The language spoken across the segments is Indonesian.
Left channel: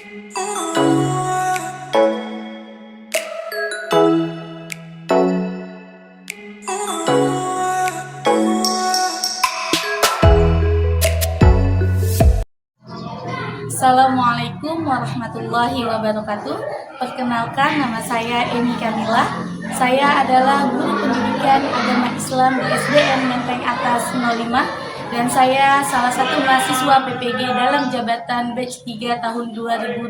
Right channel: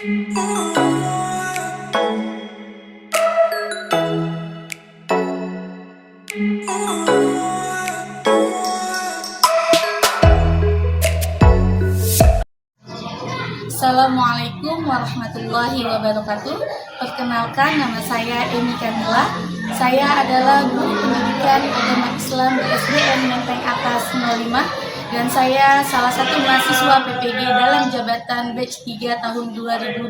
Assalamualaikum warahmatullahi wabarakatuh. Perkenalkan, nama saya Emi Kamila. Saya adalah guru pendidikan agama Islam di SDN Menteng Atas 05 dan saya salah satu mahasiswa PPG dalam jabatan batch 3 tahun 2025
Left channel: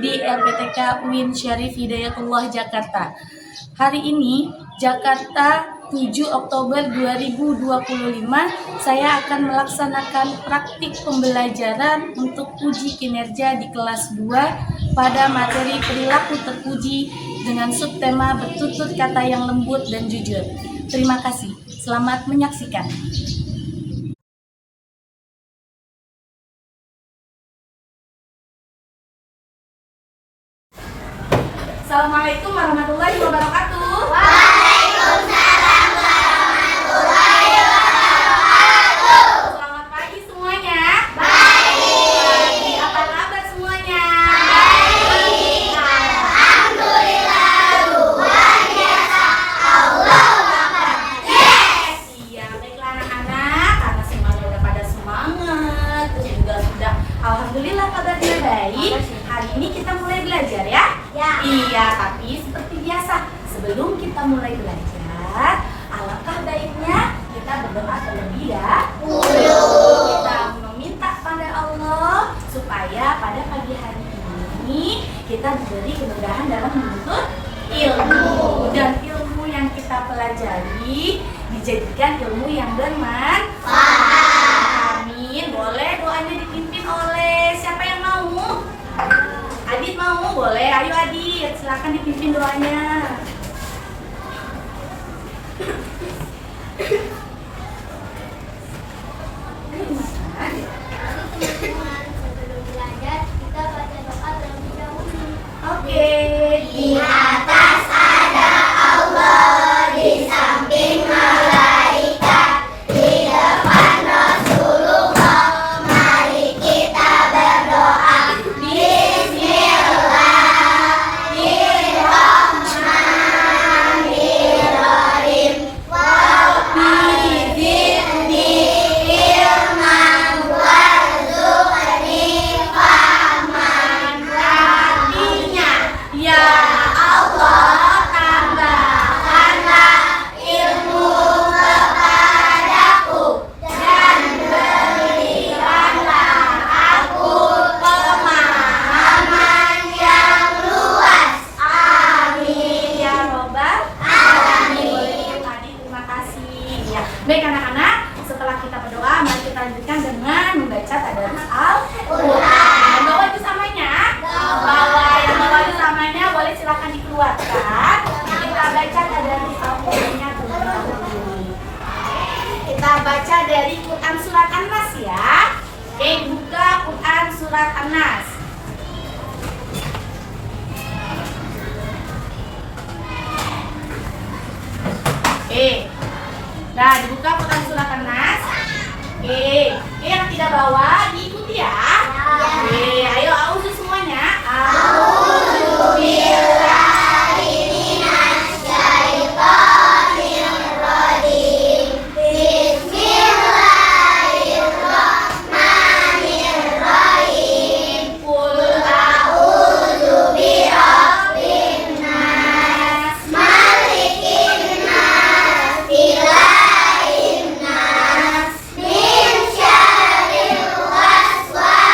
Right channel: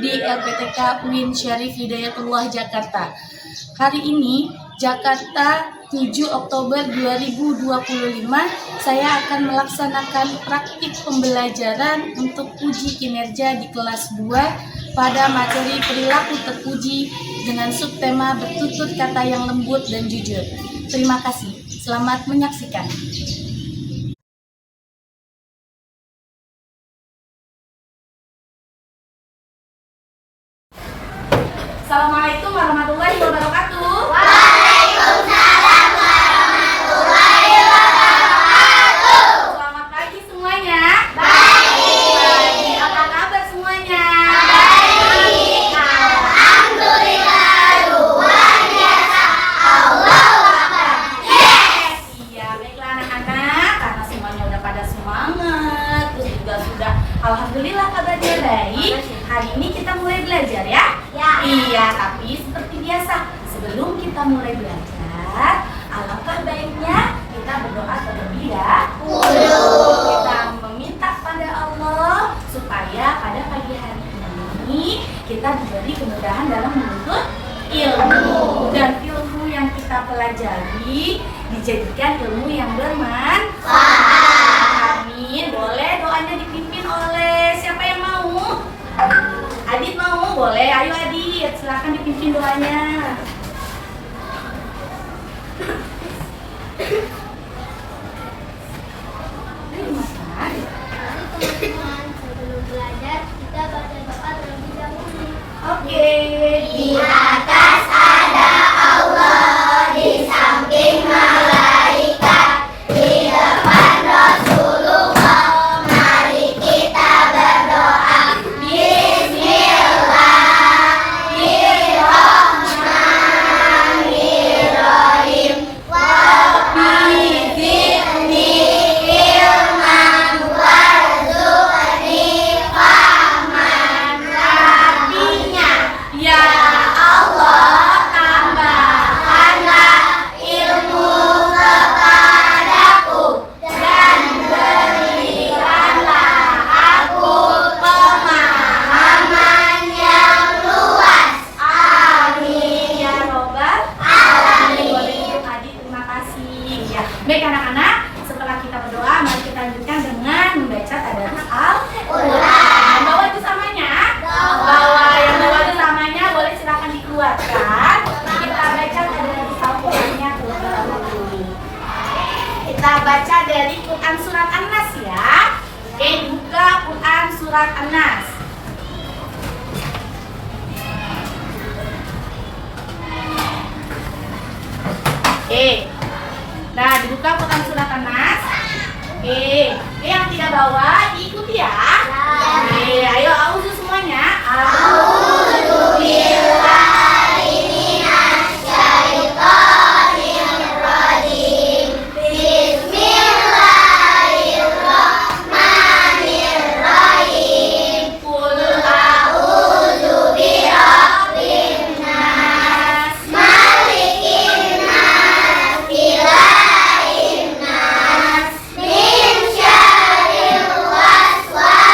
di LPTK UIN Syarif Hidayatullah Jakarta. Hari ini Jakarta 7 Oktober 2025, saya akan melaksanakan praktik pembelajaran untuk uji kinerja di kelas 2 pada materi perilaku terpuji dengan subtema bertutur kata yang lembut dan jujur. Terima kasih. Selamat menyaksikan. Assalamualaikum warahmatullahi wabarakatuh. Alhamdulillah kabarnya baik. Hari ini kita mulai belajar ya? Iya, tapi seperti biasa, sebelum kita mulai belajar, alangkah baiknya kita berdoa terlebih ya. Kita meminta pada Allah supaya pada pagi hari ini kita diberi kemudahan dalam menuntut ilmu, dan ilmu yang kita pelajari dijadikan ilmu yang bermanfaat. Amin. Boleh doanya dipimpin oleh siapa yang mau? Adit mau? Boleh. Ayo Adit, silakan dipimpin doanya. Teman-teman, sebelum belajar kita baca doa terlebih dahulu. Oke. Di atas ada Allah, di samping malaikat, di depan Rasulullah. Mari kita berdoa. Bismillahirrahmanirrahim. Rabbi zidni ilman warzuqni fahman. Artinya, ya Allah, tambahkanlah ilmu kepadaku dan berikanlah aku pemahaman yang luas. Amin Ya Robbal alamin. Boleh Adit, terima kasih. Ya. Baik anak-anak, setelah kita berdoa, mari kita lanjutkan dengan membaca tadarus Al-Quran. Bawa itu samanya? Bawa. Yang bawa itu samanya boleh silakan dikeluarkan. Kita baca tadarus Al-Qurannya terlebih dahulu. Kita baca dari Quran Surat An-Nas ya. Oke, buka Quran Surat An-Nas. Nah, dibuka Quran Surat An-Nas. Yang tidak bawa diikuti ya. Ayo auzu semuanya. A'udzu billahi minasy syaithanir rajim. Bismillahirrahmanirrahim. Qul A'udzu birabbin nas, malikin nas, ilahin nas, min syarril waswasil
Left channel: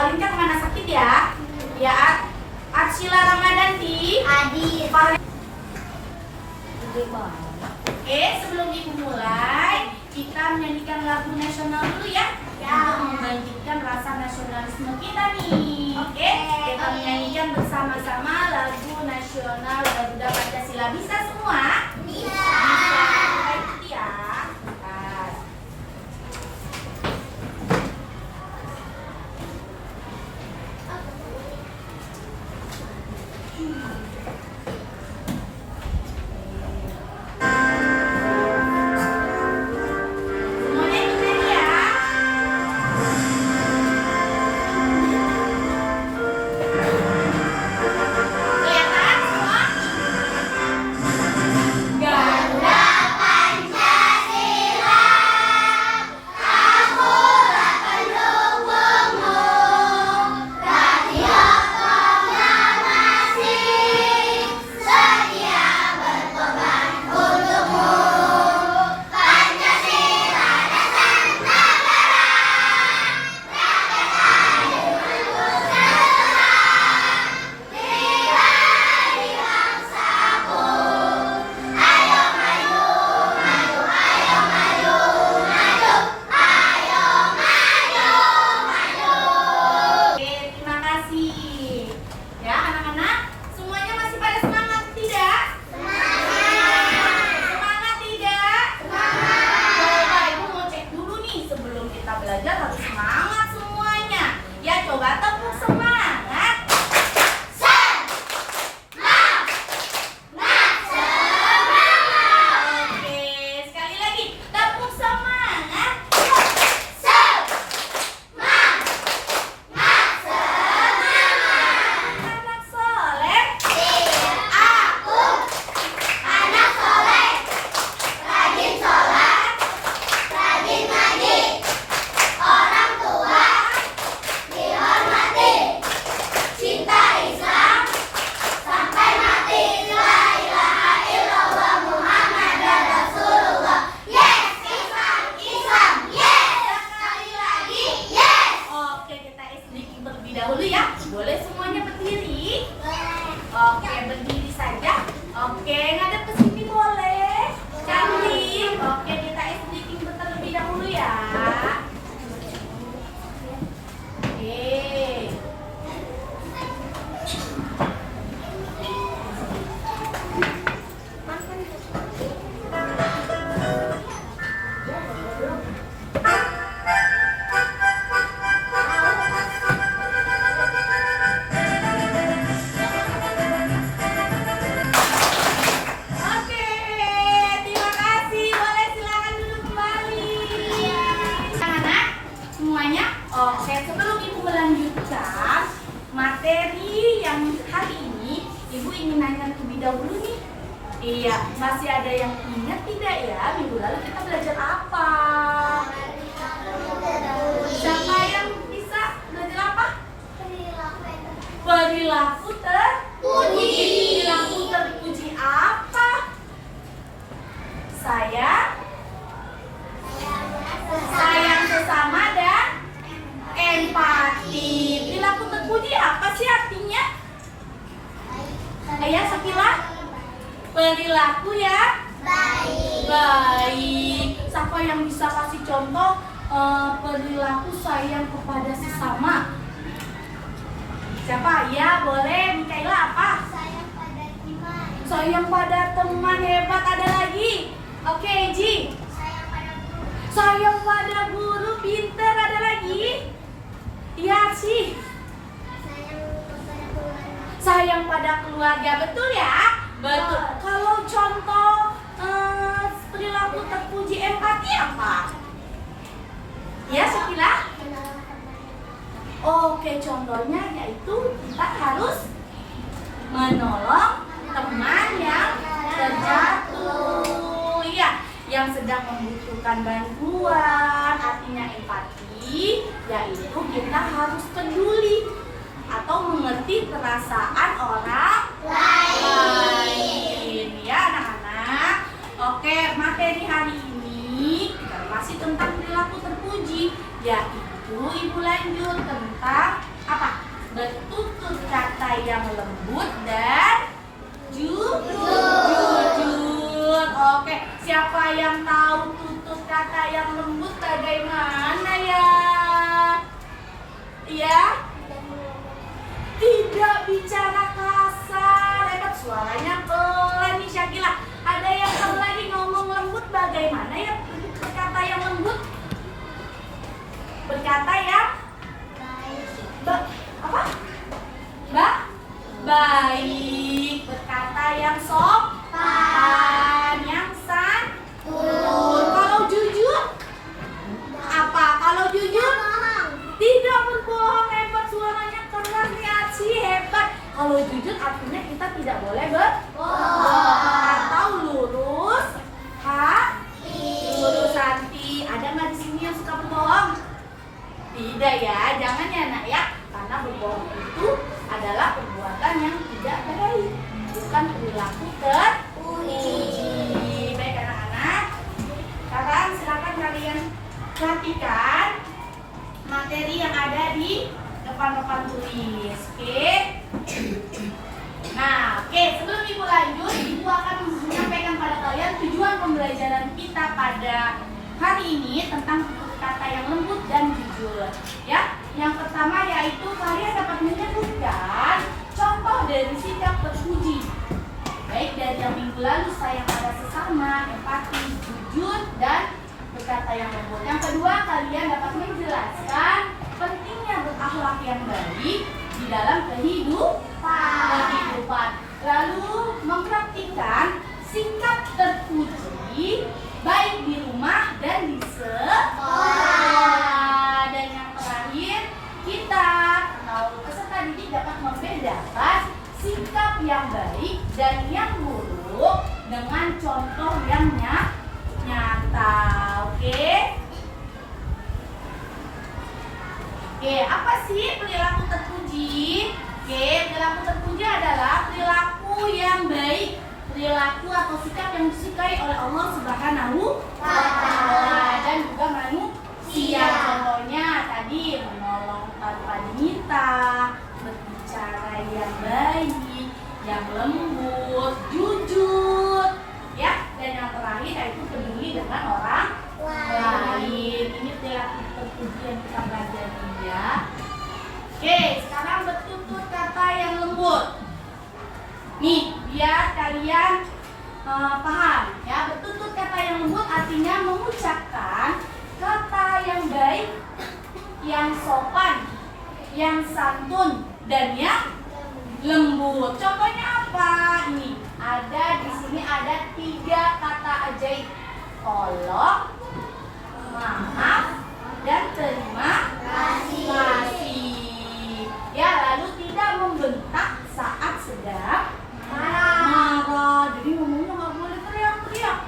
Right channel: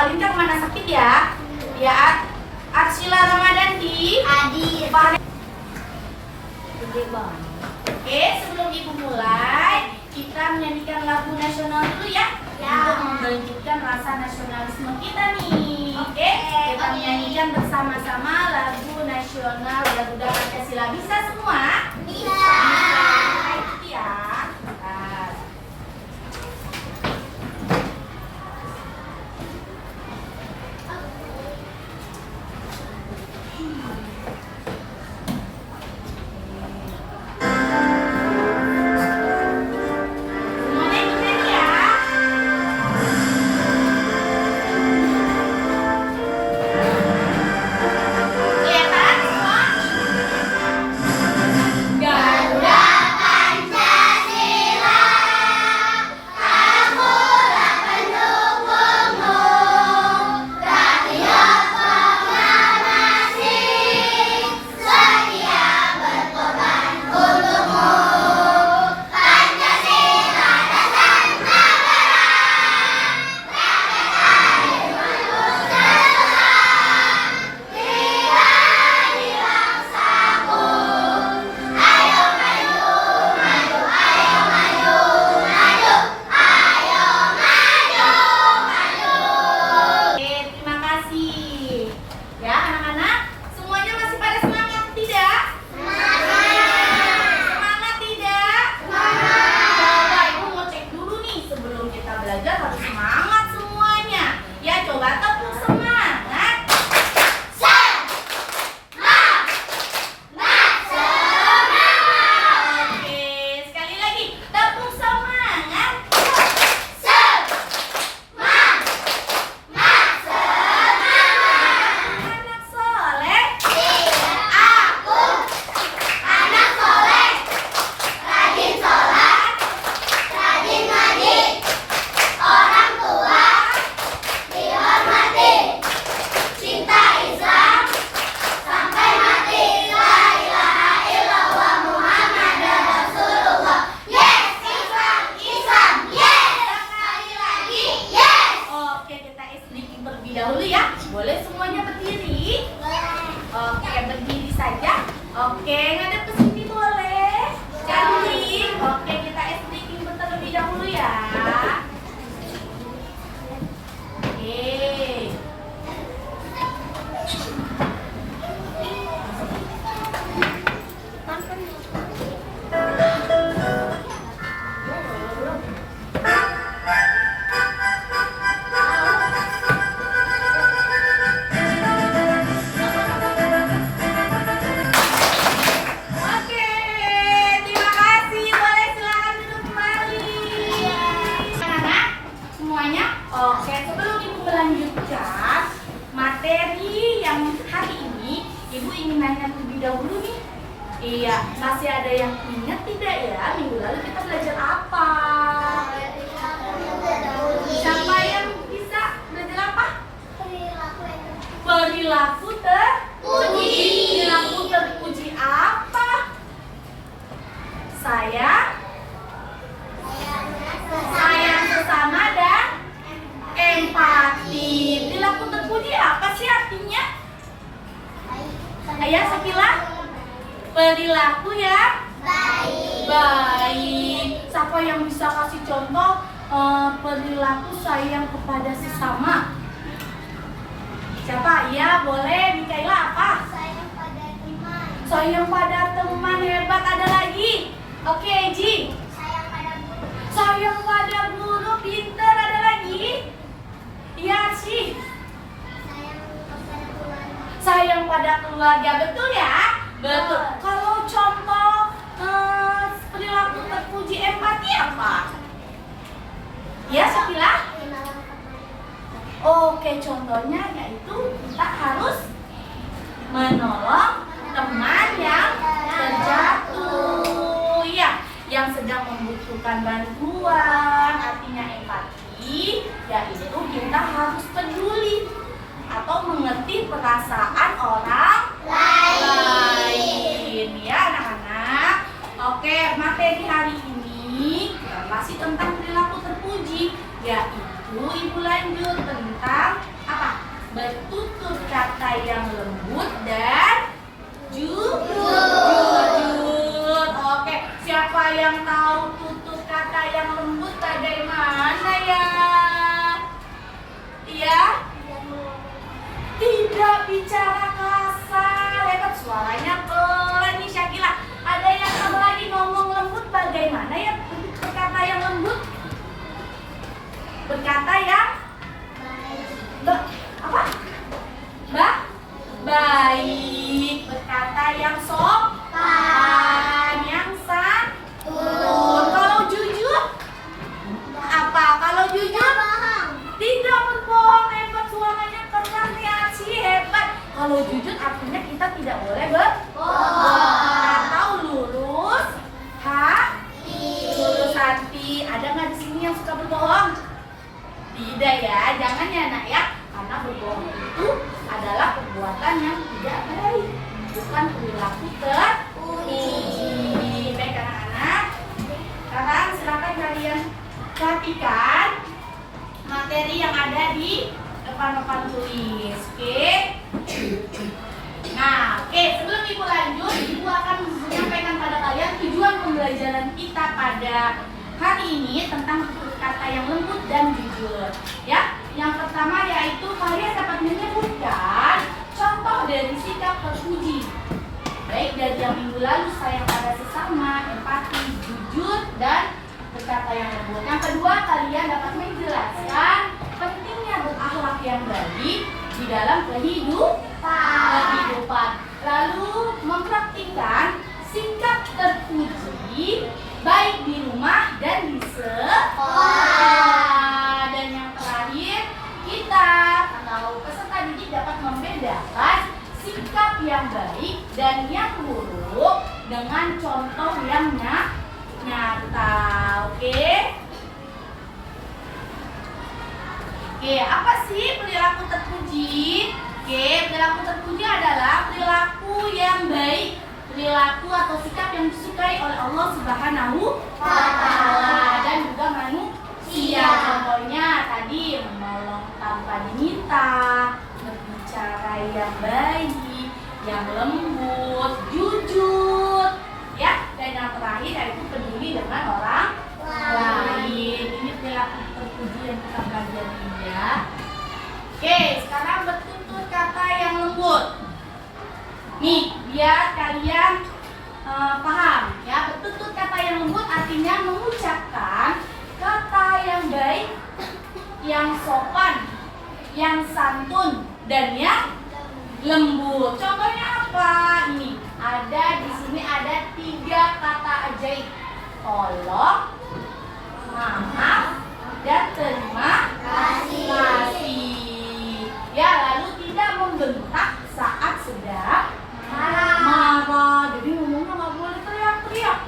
Alinka mana sakit ya? Ya, Arsila Ramadanti. Hadir. Oke, sebelum ibu mulai, kita menyanyikan lagu nasional dulu ya, untuk membangkitkan rasa nasionalisme kita nih. Oke, kita menyanyikan bersama-sama lagu nasional Garuda Pancasila. Bisa semua? Bisa. Kita ikuti ya. Nah. Semuanya ikut nyanyi ya. Kelihatan semua? Garuda Pancasila, akulah pendukungmu. Radio proklamasi, setia berkorban untukmu. Pancasila dasar negara, tiba di bangsaku. Ayo maju, maju, ayo maju, maju, ayo maju, maju. Oke, terima kasih. Ya, anak-anak, semuanya masih pada semangat tidak? Semangat tidak? Coba ibu mau cek dulu nih, sebelum kita belajar harus semangat semuanya. Ya, coba tepuk semangat. Oke, sekali lagi tepuk semangat. Anak soleh. Aku anak soleh, rajin sholat, rajin ngaji, orang tua dihormati, cinta Islam sampai mati. La ilaha illallah Muhammadar Rasulullah. Yes, Islam, Islam, yes. Sekali lagi, yes. Oke, kita sedikit terlebih dahulu ya. Boleh semuanya berdiri? Oke, berdiri saja. Oke, ngadep ke sini boleh. Cantik. Oke, kita sedikit terlebih dahulu ya. Oke. Oke, terima kasih. Boleh silakan duduk kembali. Anak-anak, semuanya. Oke, sebelum ibu melanjutkan materi yang hari ini, ibu ingin nanya terlebih dahulu nih. Iya, masih ada yang ingat tidak ya? Minggu lalu kita belajar apa? Siapa yang bisa belajar apa? Perilaku terpuji. Perilaku terpuji apa? Sayang sesama dan empati. Perilaku terpuji apa sih artinya? Ayah Sakila? Perilaku ya baik. Siapa yang bisa kasih contoh perilaku sayang kepada sesama? Siapa? Ya, boleh. Mikaela apa? Sayang pada teman. Hebat. Ada lagi? Oke, Ji. Sayang pada guru. Pinter. Ada lagi? Iya sih. Sayang pada keluarga. Betul ya? Betul. Kalau contoh perilaku terpuji empati apa? Ya, Sakila? Oke, contohnya yaitu kita harus menolong teman yang terjatuh, ya, yang sedang membutuhkan bantuan. Artinya empati, yaitu kita harus peduli atau mengerti perasaan orang lain. Ya, anak-anak. Oke, materi hari ini masih tentang perilaku terpuji, yaitu ibu lanjut tentang apa? Bertutur kata yang lembut dan jujur. Oke, siapa yang tahu tutur kata yang lembut bagaimana ya? Iya? Tidak bicara kasar. Hebat, suaranya pelan nih Syakila. Ada yang tahu lagi ngomong lembut bagaimana ya? Berkata yang lembut. Berkata yang apa? Baik. Berkata yang sopan, yang santun. Kalau jujur apa? Kalau jujur tidak berbohong. Hebat, suaranya keras nih Aci, hebat. Kalau jujur artinya kita tidak boleh berbohong atau lurus lurus hati. Ada nggak di sini yang suka berbohong? Tidak ya, jangan ya nak ya. Karena berbohong itu adalah perbuatan yang tidak baik, bukan perilaku terpuji. Baik anak-anak, sekarang silakan kalian perhatikan materi yang ada di depan tulis. Oke? Nah, sebelum ibu lanjut, ibu akan menyampaikan pada kalian tujuan pembelajaran kita pada hari ini tentang tutur kata yang lembut dan jujur. Ya, yang pertama yaitu kalian dapat menyebutkan contoh dari sikap terpuji, baik dari yang minggu lalu, sayang pada sesama, empati, jujur, dan berkata yang lembut. Yang kedua, kalian dapat menjelaskan pentingnya berakhlak yang baik di dalam kehidupan. Lalu mempraktikkan sikap terpuji baik di rumah dan di sekolah. Dan yang terakhir, kita atau peserta didik dapat membedakan sikap yang baik dan yang buruk dengan contoh yang nyata. Oke, apa sih perilaku terpuji? Perilaku terpuji adalah perilaku yang baik, perilaku atau sikap yang disukai oleh Allah Subhanahu wa Ta'ala dan juga manusia. Contohnya tadi menolong tanpa diminta, berbicara yang baik, yang lembut, jujur, ya. Dan yang terakhir yaitu peduli dengan orang lain. Ini perilaku terpuji yang kita pelajari ya. Sekarang bertutur kata yang lembut. Nih, biar kalian paham ya. Bertutur kata yang lembut artinya mengucapkan kata yang baik, yang sopan, yang santun, dan yang lembut. Contohnya apa? Ini ada di sini ada 3 kata ajaib: tolong, maaf, dan terima kasih. Ya, lalu tidak membentak saat sedang marah. Jadi ngomongnya nggak boleh teriak-teriak,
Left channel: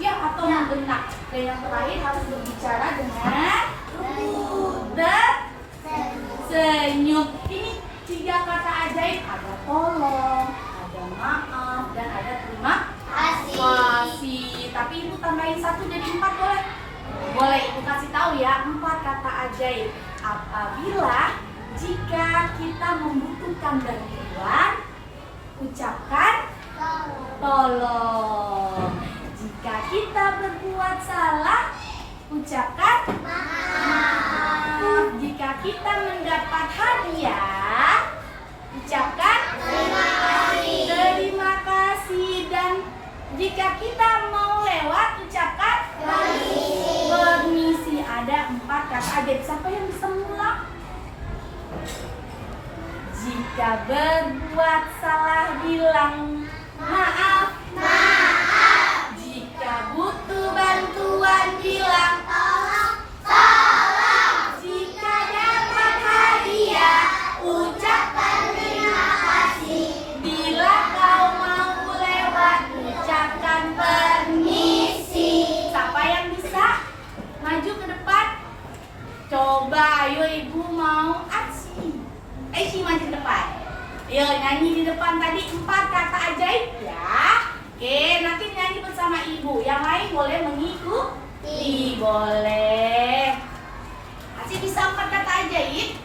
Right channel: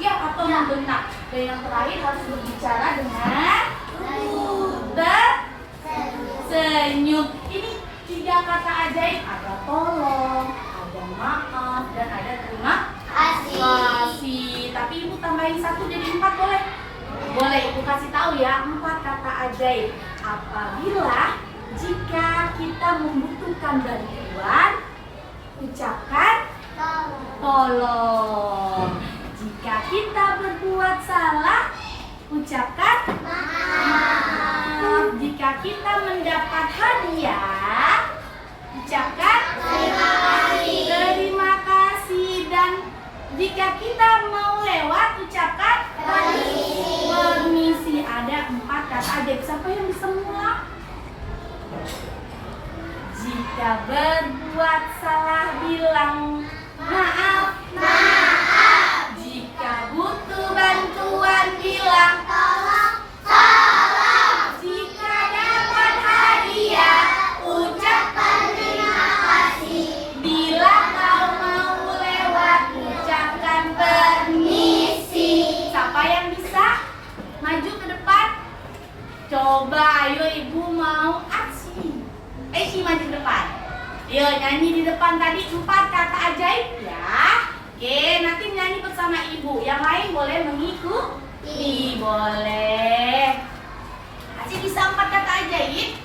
ya, atau membentak. Dan yang terakhir harus berbicara dengan tersenyum. Ini 3 kata ajaib. Ada tolong, ada maaf, dan ada terima kasih. Tapi ibu tambahin 1 jadi 4 boleh? Boleh, ibu kasih tahu ya 4 kata ajaib. Apabila jika kita membutuhkan bantuan, ucapkan tolong. Jika kita berbuat salah, ucapkan maaf. Jika kita mendapat hadiah, ucapkan terima kasih. Dan jika kita mau lewat, ucapkan permisi. Ada 4 kata ajaib. Siapa yang bisa mengulang? Jika berbuat salah, bilang maaf. Jika butuh bantuan, bilang tolong. Jika dapat hadiah, ucapkan terima kasih. Bila kau mau lewat, ucapkan permisi. Siapa yang bisa maju ke depan? Coba, ayo ibu mau aksi. Maju ke depan. Yo, nyanyi di depan tadi 4 kata ajaib ya. Nanti nyanyi bersama ibu. Yang lain boleh mengikuti. Boleh. Aci bisa 4 kata ajaib?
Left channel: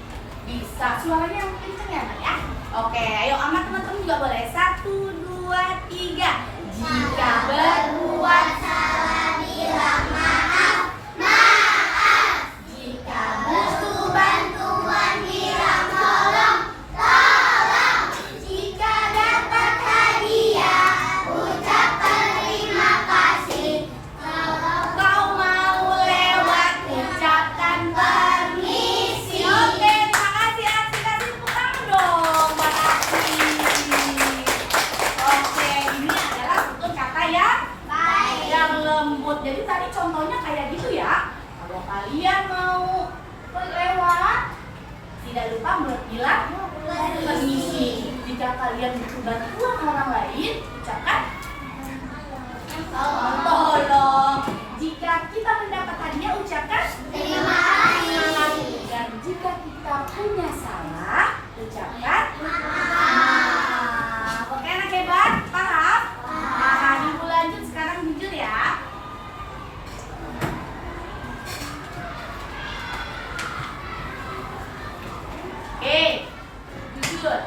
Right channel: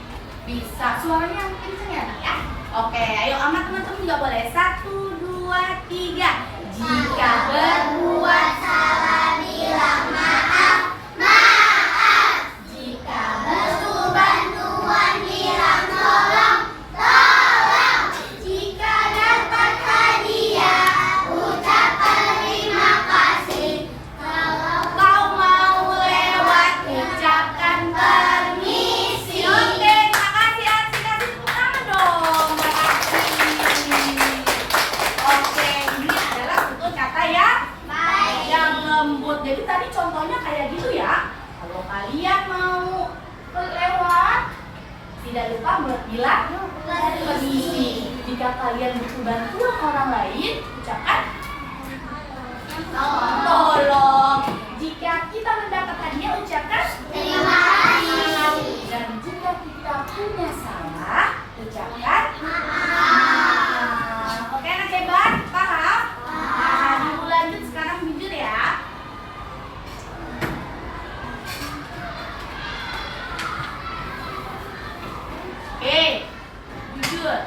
Bisa. Suaranya yang kenceng ya, Nak, ya? Oke, ayo sama teman-teman juga boleh. 1, 2, 3. Jika berbuat salah bilang maaf. Maaf. Jika butuh bantuan bilang tolong. Tolong. Jika dapat hadiah ucapkan terima kasih. Kalau kau mau lewat ucapkan permisi. Oke, makasih Arsy, kasih tepuk tangan dong buat Arsy. Oke, ini adalah tutur kata yang lembut. Jadi tadi contohnya kayak gitu ya. Kalau kalian mau lewat, tidak lupa bilang permisi. Jika kalian butuh bantuan orang lain, ucapkan tolong. Jika kita mendapat hadiah, ucapkan terima kasih. Dan jika kita punya salah, ucapkan maaf. Oke, anak hebat, paham? Paham. Ibu lanjut sekarang jujur ya. Oke, jujur.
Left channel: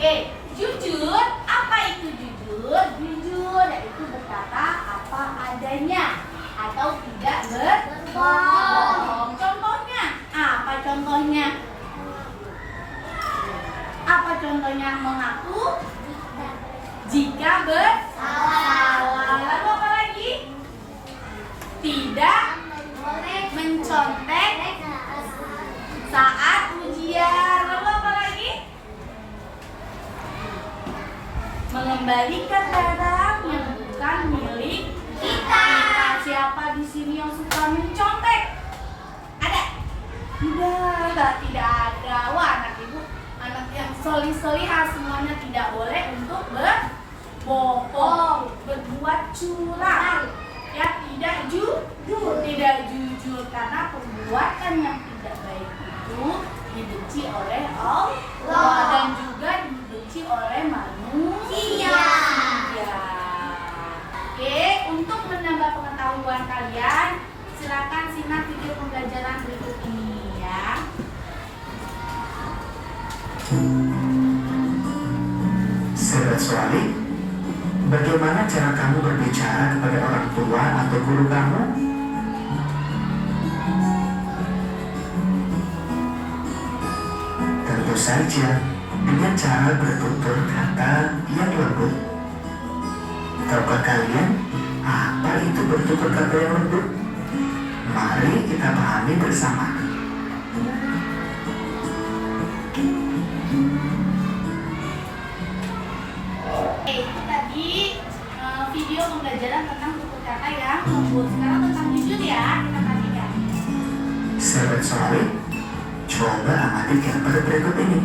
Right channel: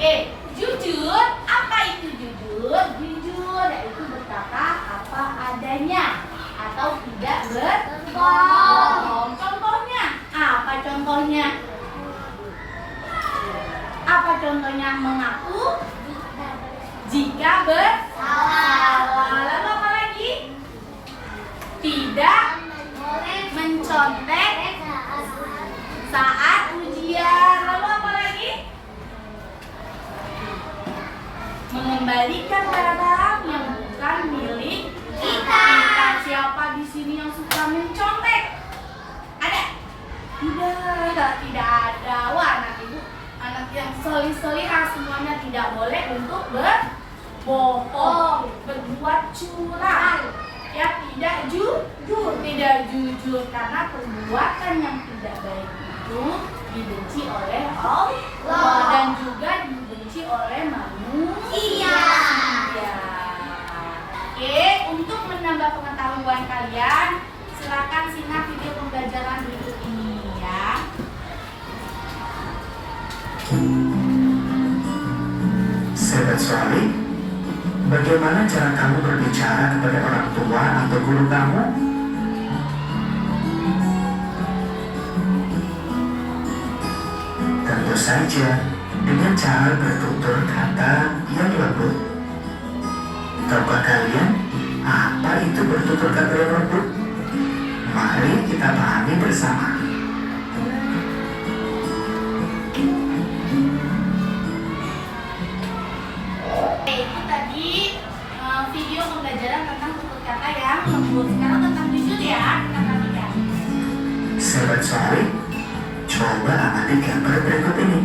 Oke, jujur. Apa itu jujur? Jujur yaitu berkata apa adanya atau tidak berbohong. Contohnya, apa contohnya? Apa contohnya mengaku jika bersalah? Lalu apa lagi? Tidak mencontek saat ujian. Lalu apa lagi? Mengembalikan barang yang bukan milik kita. Siapa di sini yang suka mencontek? Ada? Tidak ada. Wah, anak ibu, anak yang solih-solihah semuanya tidak boleh untuk berbohong, berbuat curang. Ya, tidak jujur karena perbuatan yang tidak baik itu dibenci oleh Allah dan juga dibenci oleh manusia. Oke, untuk menambah pengetahuan kalian, silakan simak video pembelajaran berikut ini ya. Sahabat Suami, bagaimana cara kamu berbicara kepada orang tua atau guru kamu? Tentu saja dengan cara bertutur kata yang lembut. Tahukah kalian apa itu bertutur kata yang lembut? Mari kita pahami bersama. Itu tadi video pembelajaran tentang tutur kata yang lembut. Sekarang tentang jujur ya, kita perhatikan. Sahabat Suami, coba amati gambar berikut ini.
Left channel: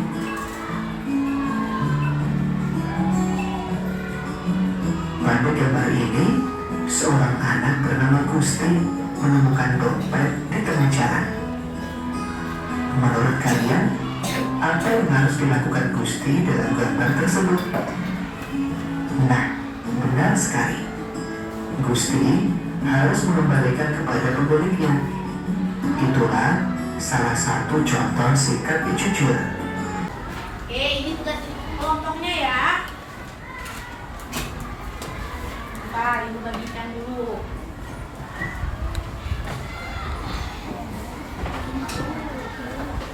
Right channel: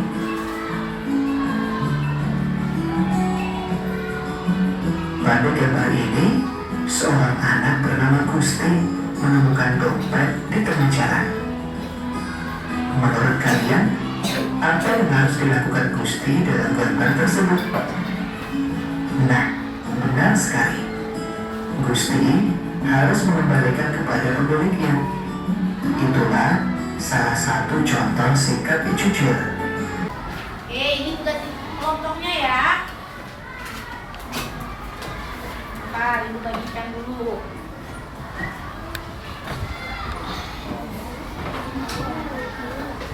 Pada gambar ini, seorang anak bernama Gusti menemukan dompet di tengah jalan. Menurut kalian, apa yang harus dilakukan Gusti dalam gambar tersebut? Nah, benar sekali. Gusti harus mengembalikan kepada pemiliknya. Itulah salah satu contoh sikap jujur. Oke, ini sudah kelompoknya ya. Bentar, ibu bagikan dulu.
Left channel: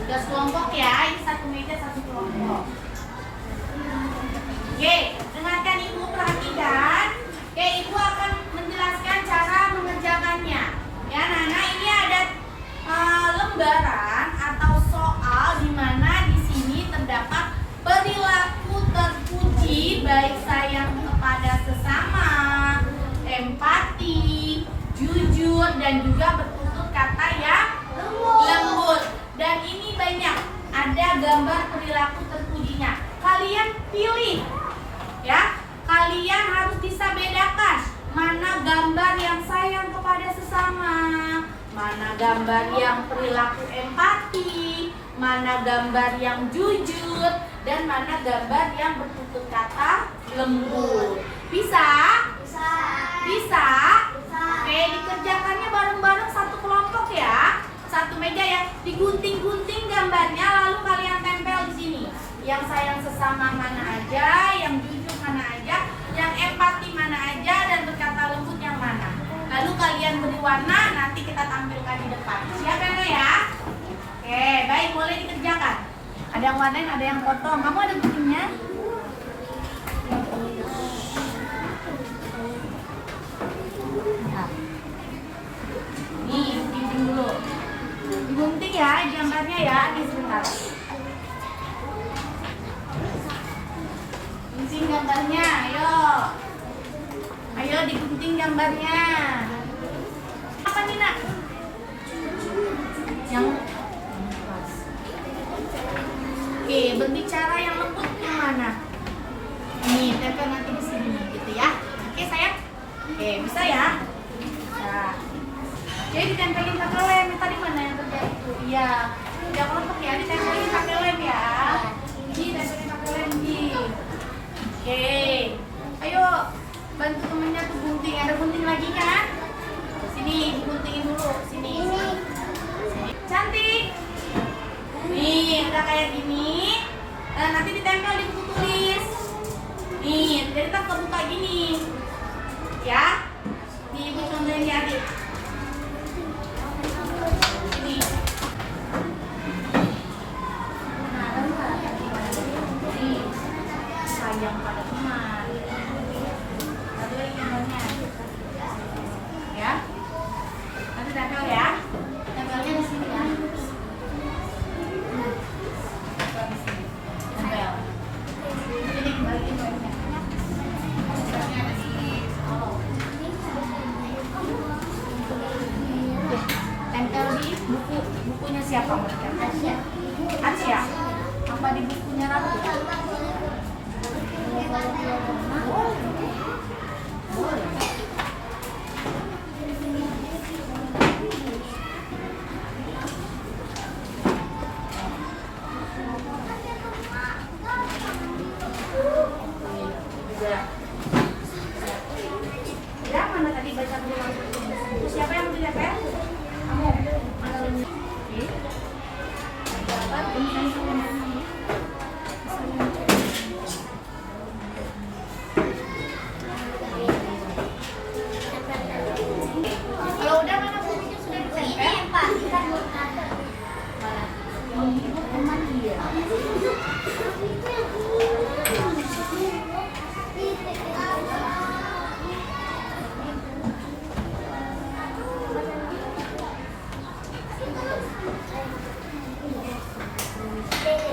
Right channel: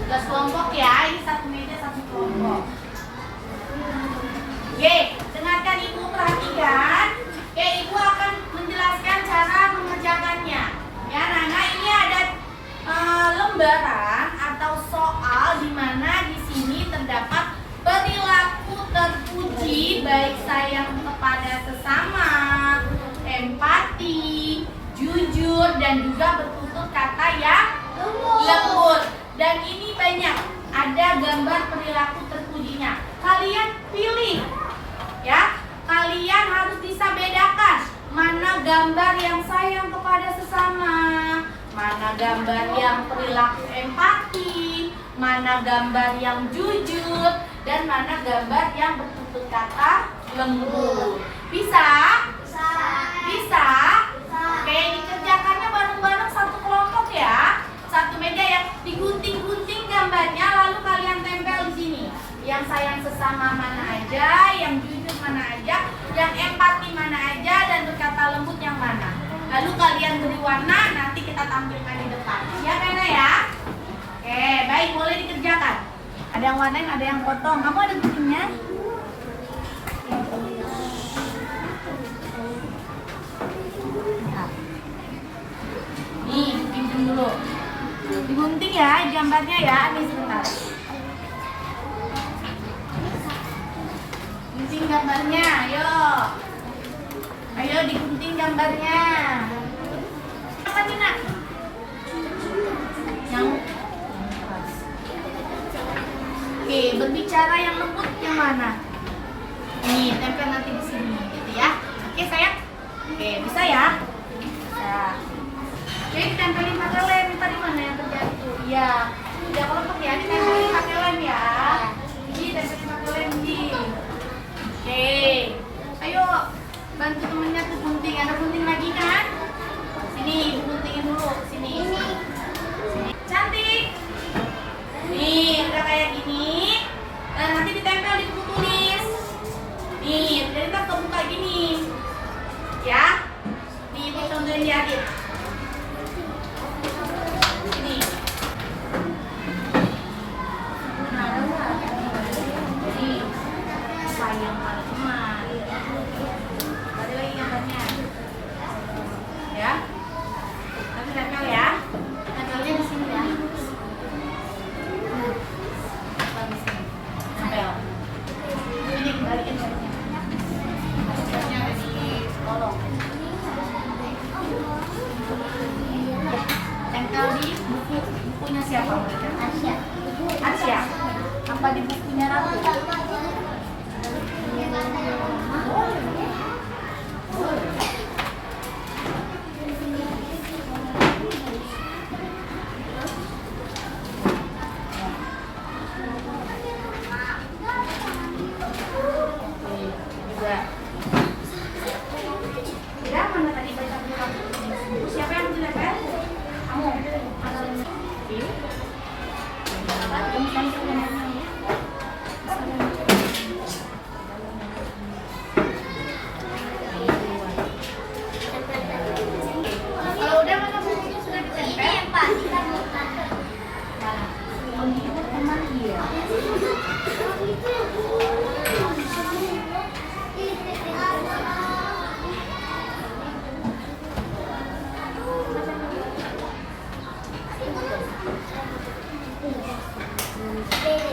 Tugas kelompok ya, ini satu meja satu kelompok. Oke, dengarkan ibu, perhatikan. Oke, ibu akan menjelaskan cara mengerjakannya. Ya, Nana, ini ada lembaran atau soal di mana di sini terdapat perilaku terpuji, baik sayang kepada sesama, empati, jujur, dan juga bertutur kata yang lembut. Dan ini banyak, ada gambar perilaku terpujinya. Kalian pilih, ya. Kalian harus bisa bedakan mana gambar yang sayang kepada sesama, mana gambar yang perilaku empati, mana gambar yang jujur, dan mana gambar yang bertutur kata lembut. Bisa? Bisa? Oke, dikerjakannya bareng-bareng satu kelompok ya. Satu meja ya ramah mana aja, yang jujur mana aja, yang empati mana aja, dan berkata lembut yang mana. Lalu kalian beri warna, nanti kita tampilkan di depan. Siap ya, ya? Oke, baik, boleh dikerjakan. Ada yang warnain, ada yang potong. Kamu ada guntingnya? Nih, gunting dulu. Digunting ya, gambarnya ya. Nih sebentar. Gunting gambarnya, ayo. Ayo digunting gambarnya. Apa nih, Nak? Yang Oke, berbicara yang lembut yang mana? Nih, tempel nanti di sini gitu ya. Oke, sayang. Oke, bisa ya? Bisa. Oke, ditempelin pakai lem. Tadi mana yang terjadi tuh? Iya. Ya, kalau pakai ya, ditempelin pakai lem ya. Ji, tempelin pakai lem, Ji. Oke. Ayo, bantu temennya tuh gunting. Ada gunting lagi kan? Sini, ibu guntingin dulu. Sini. Sini. Cantik. Nih, udah kayak gini. Nah, nanti ditempel di buku tulis. Nih, jadi kita kebuka gini. Ya. Nih, ibu contohin di akhir. Ini. Nah, ada nggak? Nih, sayang pada teman. Ada lagi gambarnya. Ya. Nanti tempel ya. Tempelnya di sini ya. Tempel. Ini kembaliin webnya. Webnya ada di kolom. Ya, tempel di buku. Bukunya siapa? Asia. Asia. Apa di bukunya Ratu? Boleh. Ya, mana tadi baca buku? Siapa yang ditempel? Kamu. Oke. Kalau udah mana bukunya sudah ditempel? Menghibur teman dia. B.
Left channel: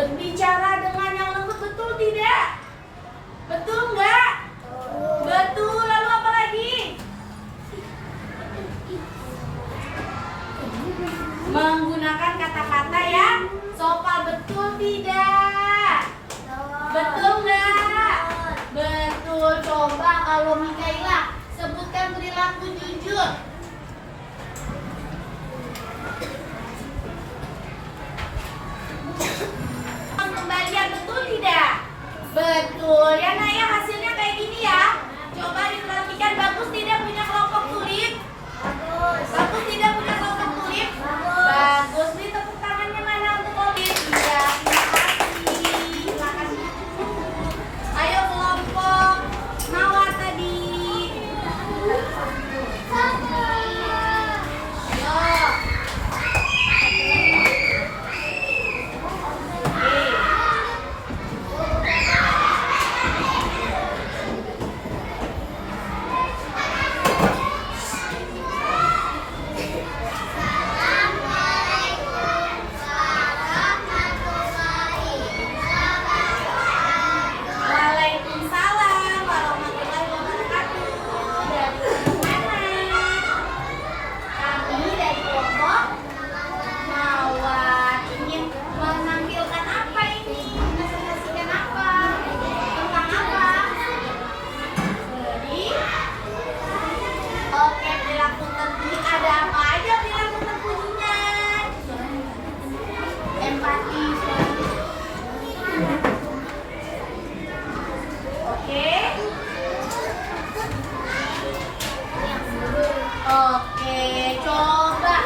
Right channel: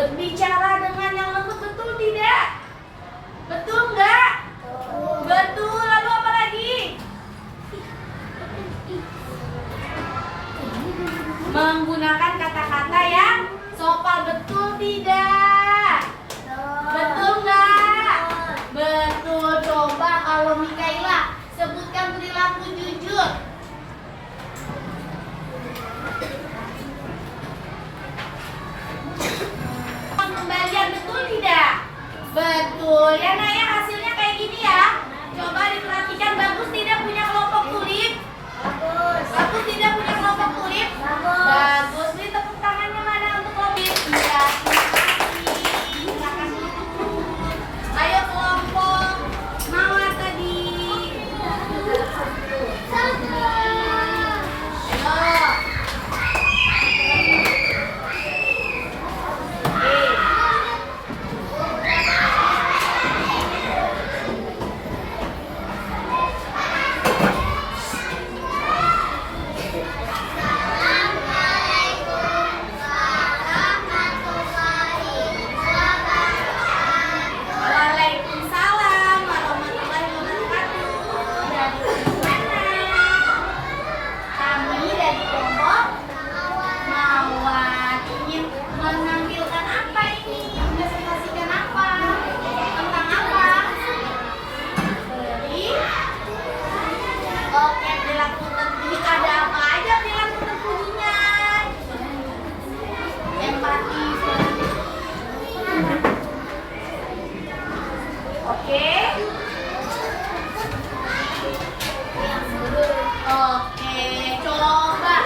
Berbicara dengan yang lembut, betul tidak? Betul nggak? Betul. Lalu apa lagi? Menggunakan kata-kata yang sopan, betul tidak? Betul nggak? Betul. Coba kalau Mikaela sebutkan perilaku jujur. Pengembalian, betul tidak? Betul. Ya Naya, hasilnya kayak gini ya. Coba diperhatikan, bagus tidak punya kelompok tulip? Bagus. Bagus tidak punya kelompok tulip? Bagus. Beri tepuk tangannya mana untuk Robin? Iya, terima kasih. Silakan. Ayo kelompok Mawar tadi. Ayo. Waalaikumsalam warahmatullahi wabarakatuh. Dari mana? Kami dari kelompok Mawar. Ingin menampilkan apa ini? Mempresentasikan apa? Tentang apa? Beri. Oke, perilaku terpuji. Ada apa aja perilaku terpujinya? Empati. Oke. Oke, coba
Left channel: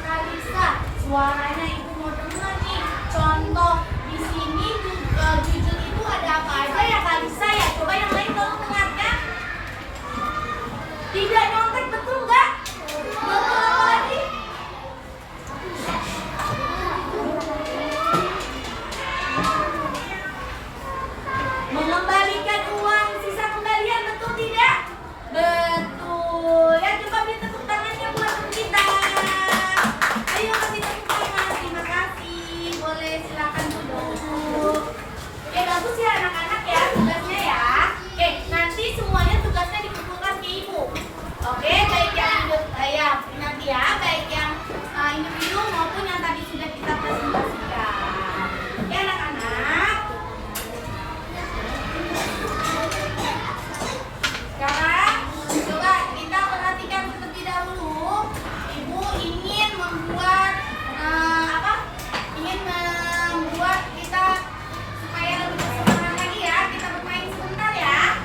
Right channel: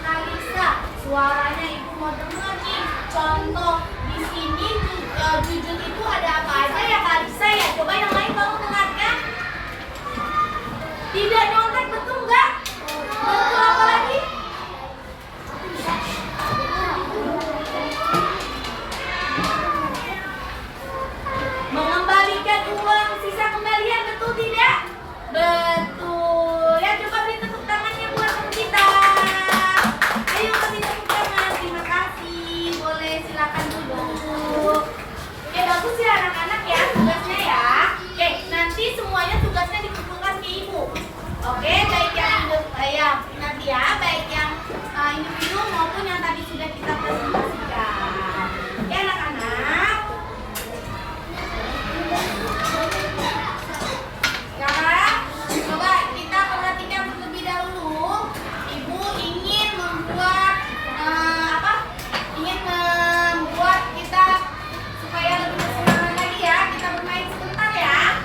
Kalisa, suaranya Ibu mau dengar nih. Contoh di sini jujur itu ada apa aja ya Kalisa ya? Coba yang lain tolong dengarkan. Tidak nyontek, betul nggak? Betul, apa lagi? Mengembalikan uang sisa kembalian, betul tidak? Betul. Ya, coba beri tepuk tangannya buat teman kita. Ayo kasih tepuk tangan. Terima kasih. Boleh silakan duduk. Oke, bagus ya anak-anak ya tugasnya ya. Oke, nanti semuanya tugasnya dikumpulkan ke ibu. Oke, baik yang nanti ya, baik yang individu maupun yang tadi sudah kita presentasikan. Ya anak-anak. Sekarang coba kita perhatikan terlebih dahulu. Ibu ingin membuat ingin membuat kita supaya lebih bersemangat lagi ya. Kita bermain sebentar ya.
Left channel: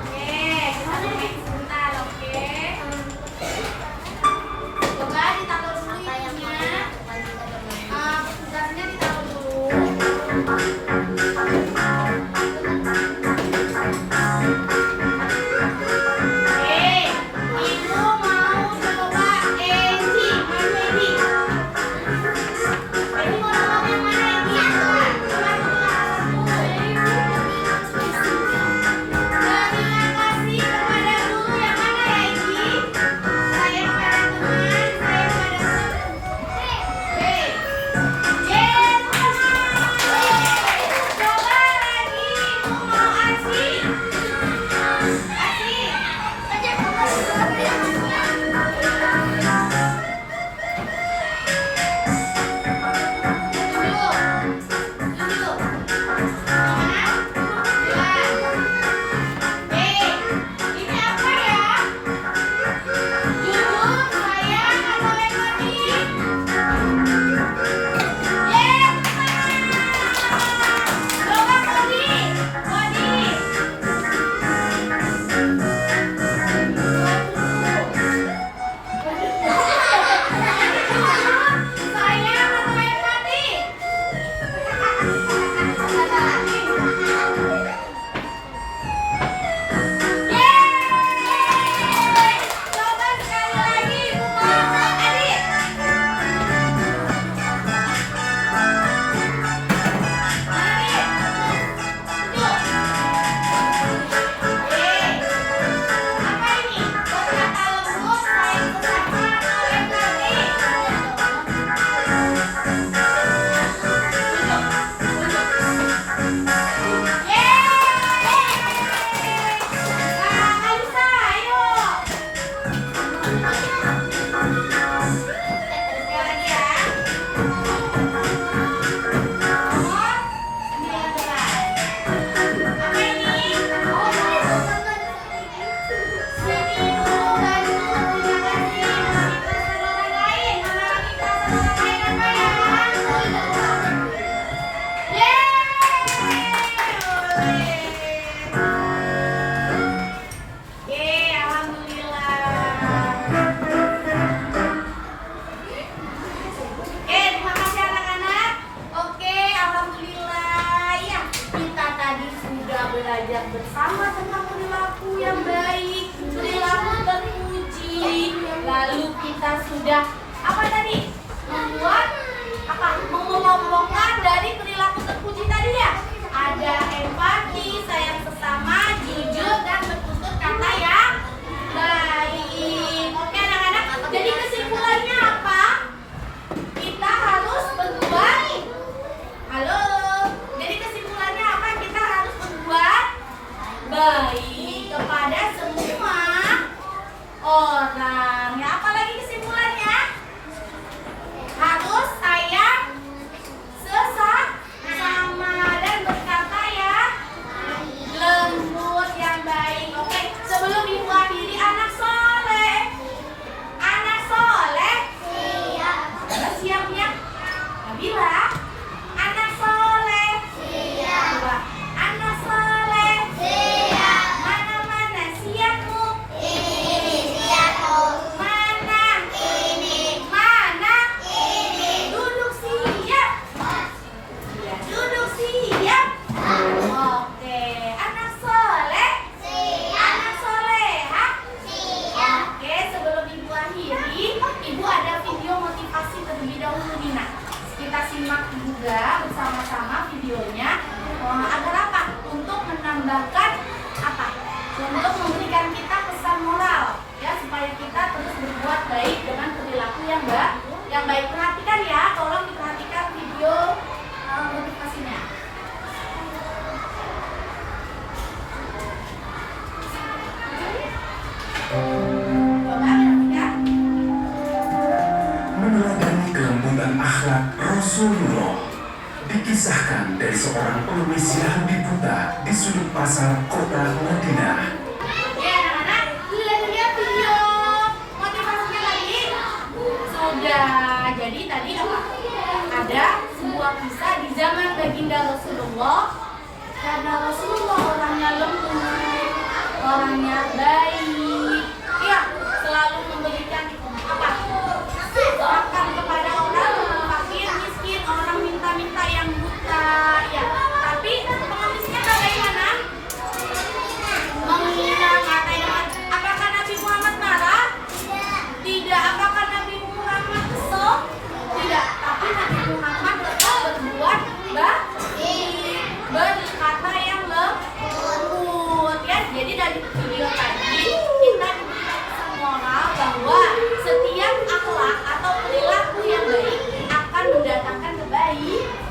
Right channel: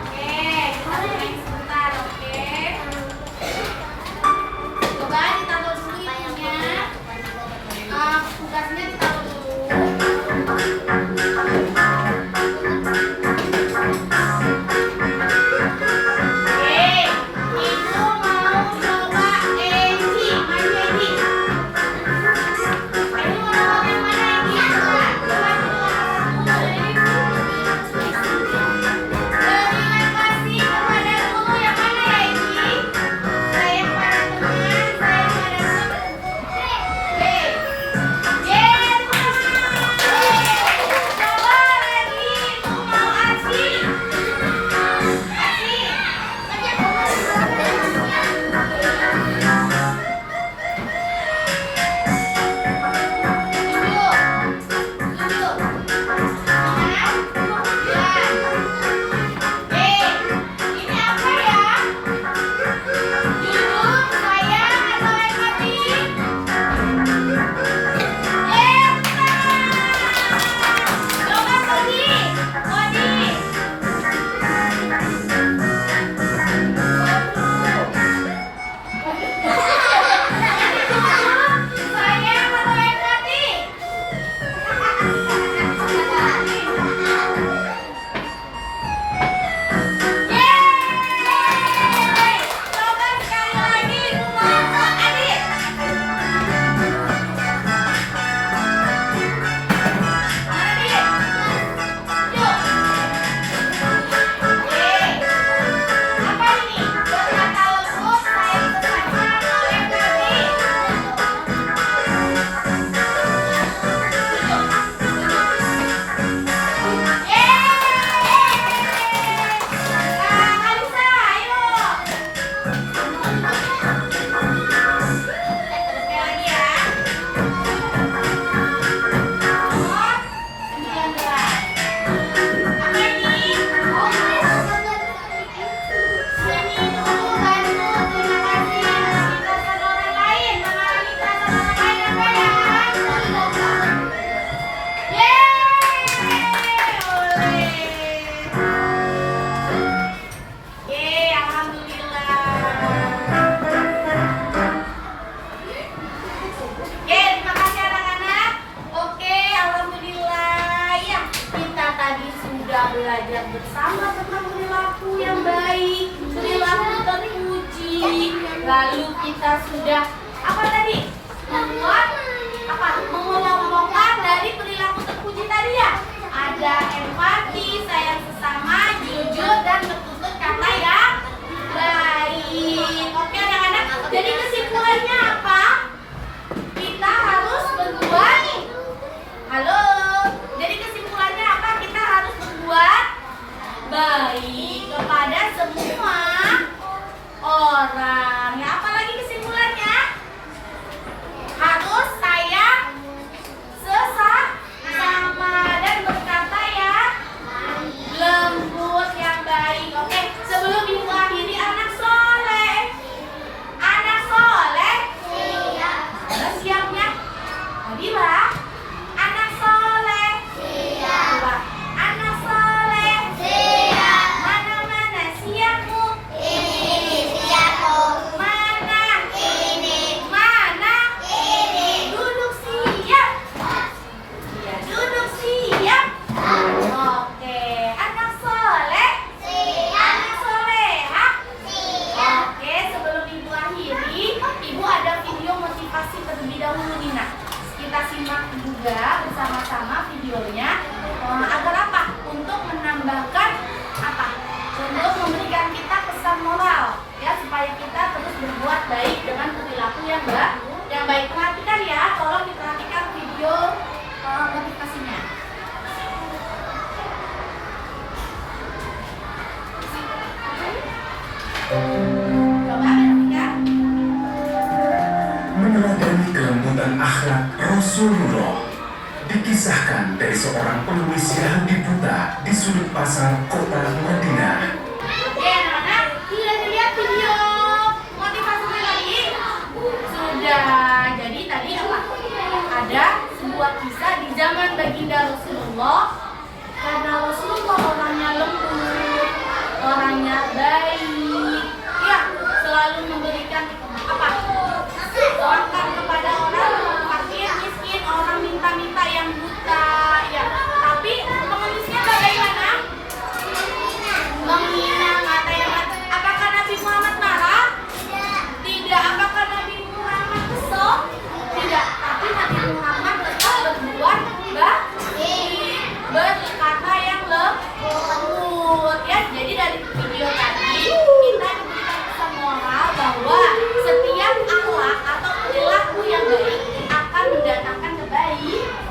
Oke, kita bermain sebentar. Oke. Coba ditaruh dulu ininya. Tugasnya ditaruh dulu. Ibu mau coba Eci, maju Eci. Ini mau coba yang mana Eci? Coba terima kasih kepada guru yang mana ya Eci? Sayang pada teman, sayang pada teman. Yes, belajar bersama tentang perilaku yang baik, perilaku terpuji. Lalu kita sudah apa tadi? Membuat apa? Mengelompokkan dari perilaku terpuji tadi ya. Ada empati, sayang sesama, jujur dan bertutur kata yang baik. Oke anak-anak. Jadi kesimpulannya apa? Kita harus berbuat. Halo. Jadi kesimpulannya apa? Kita harus berbuat baik kepada semua orang. Ya, apalagi kesimpulannya? Harus sayang sesama dan berkata yang lembut yang baik. Oke, sebelum ibu akhiri, anak soleh. Anak soleh. Udah siapnya? Nabila. Anak soleh. Coba. Anak soleh. Mana-mana siapmu? Mana? Mana? Duduk siap. Ya, duduk siap. Oke, anak soleh. Anak soleha. Oke, sebelum ibu akhiri, ibu ada video motivasi terlebih dahulu nih nak. Kita simak juga bersama-sama videonya. Agar apa? Untuk menambahkan apa? Untuk memberikan kita pesan moral ya, supaya kita terus berbuat baik dengan perilaku yang baik. Perhatikan ya, tolong diperhatikan video motivasinya. Coba perhatikan. Meneladani kelembutan akhlak Rasulullah, dikisahkan dari seorang pengemis Yahudi buta di sudut pasar kota Madinah. Oke anak-anak, sudah dilihat video motivasinya tadi? Sudah. Jadi tadi apa? Ada sebuah kisah di zaman baginda Rasulullah. Karena Rasulullah orangnya lembut, orangnya baik, ya selalu memberikan apa? Makan kepada orang fakir, miskin, orang minta-minta yang buta, ya. Tapi pengemisnya bagaimana? Menghina, ngatain. Apakah Nabi Muhammad marah? Tidak. Apakah Nabi Muhammad kesel? Tidak. Tapi Nabi Muhammad tetap berbuat baik, berkata yang lembut ya. Jadi dari video tadi kita diberikan pesan moral bahwa setiap akhlak atau perilaku yang baik akan mendatangkan kebaikan.